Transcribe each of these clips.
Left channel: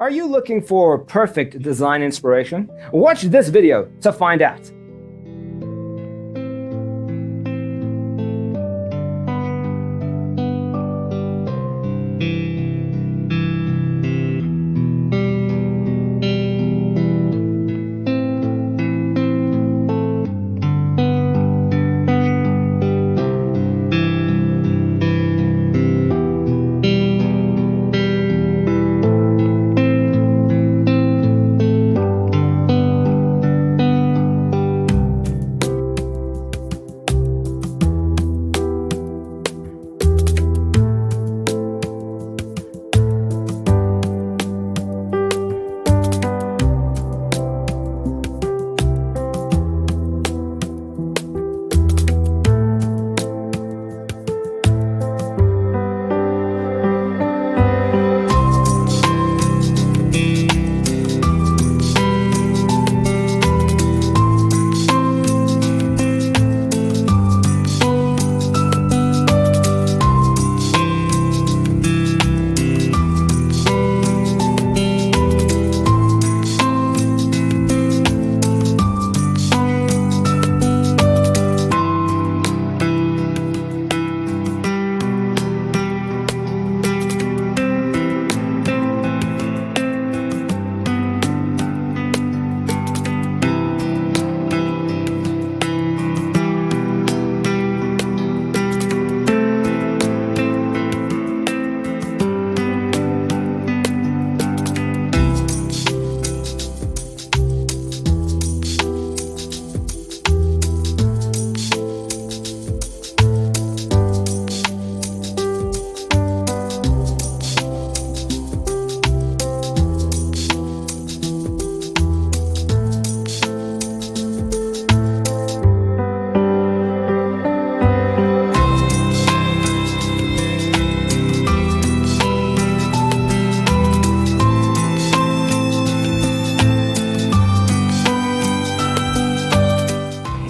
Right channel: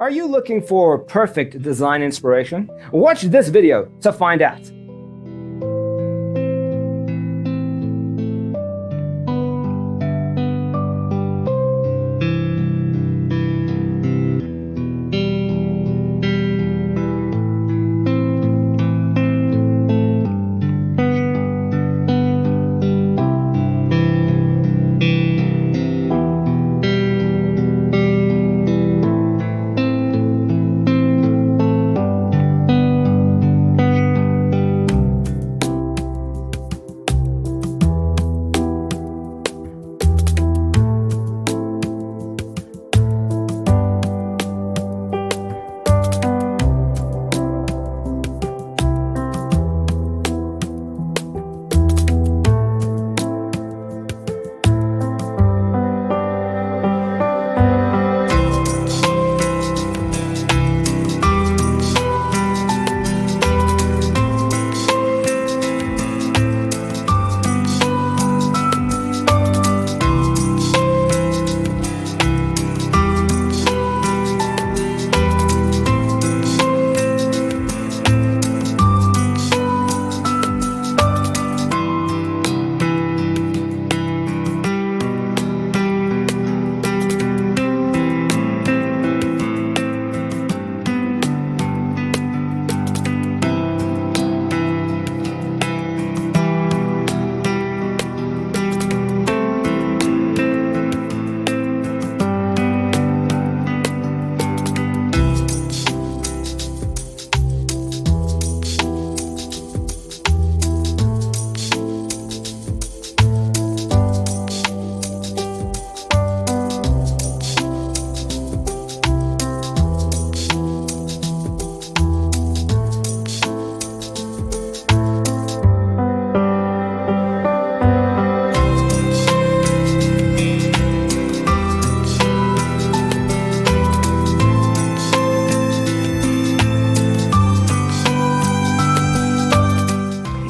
Are you looking for perfect design inspiration? Watch this video to find out.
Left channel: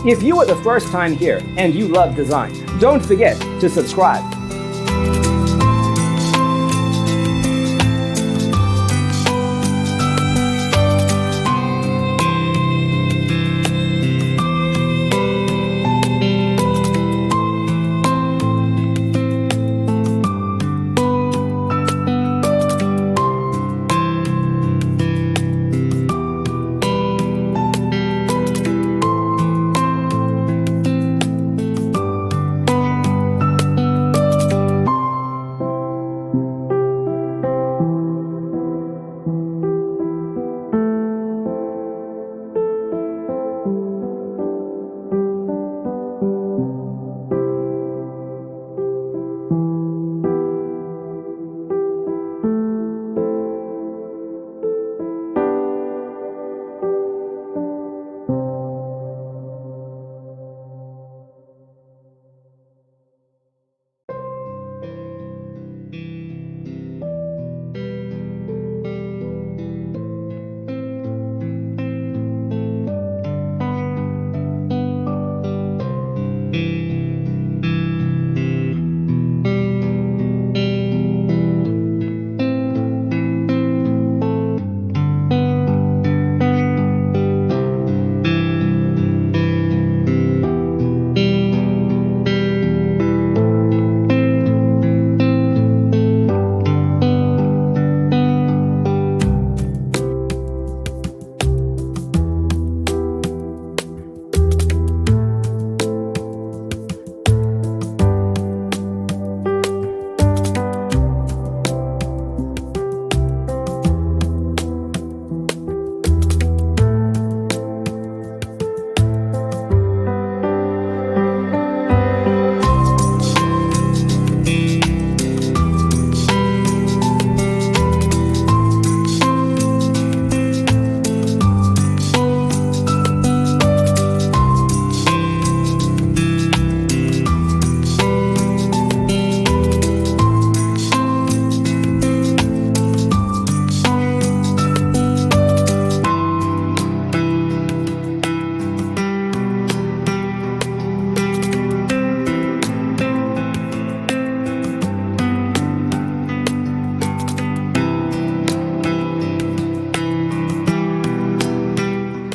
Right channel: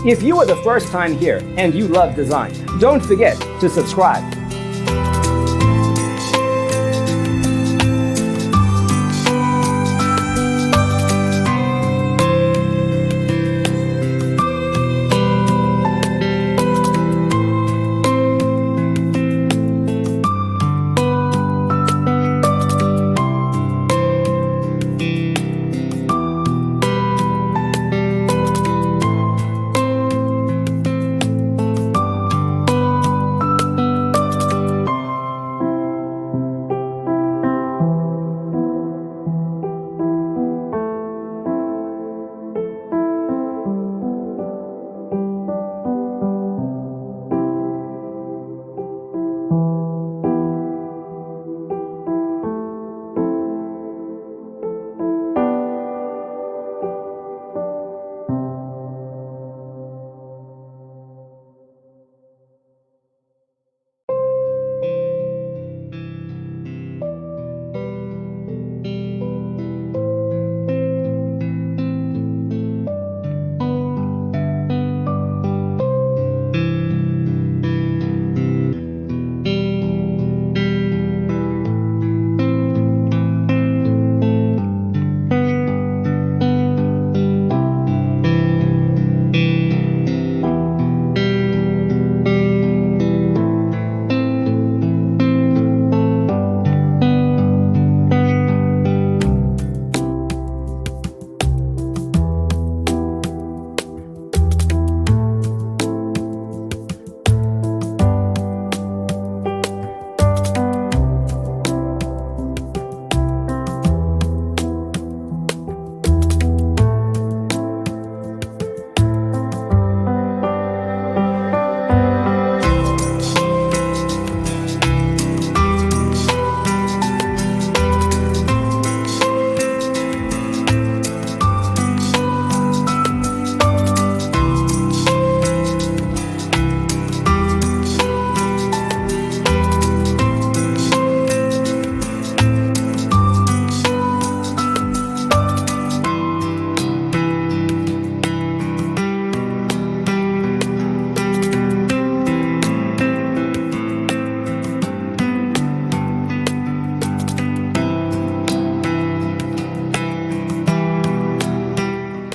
If you are the first time here and you love design, don't forget to subscribe.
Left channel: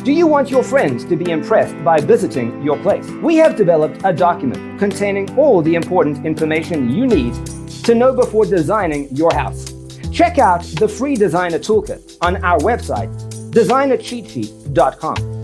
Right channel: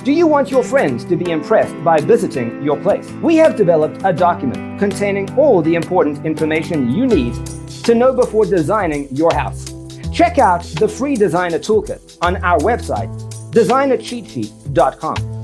Do you want your friends to be impressed by visiting your place? We have developed a document containing all the important information you need to know before designing your house. Check out the free designer toolkit on our website, designercheatsheet.com.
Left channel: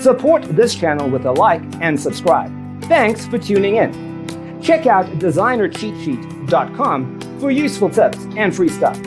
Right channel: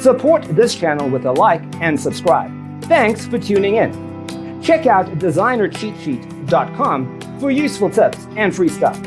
Support this channel with a like and subscribe. Thanks for tuning in. Check out designercheatsheet.com for useful tips and free stuff.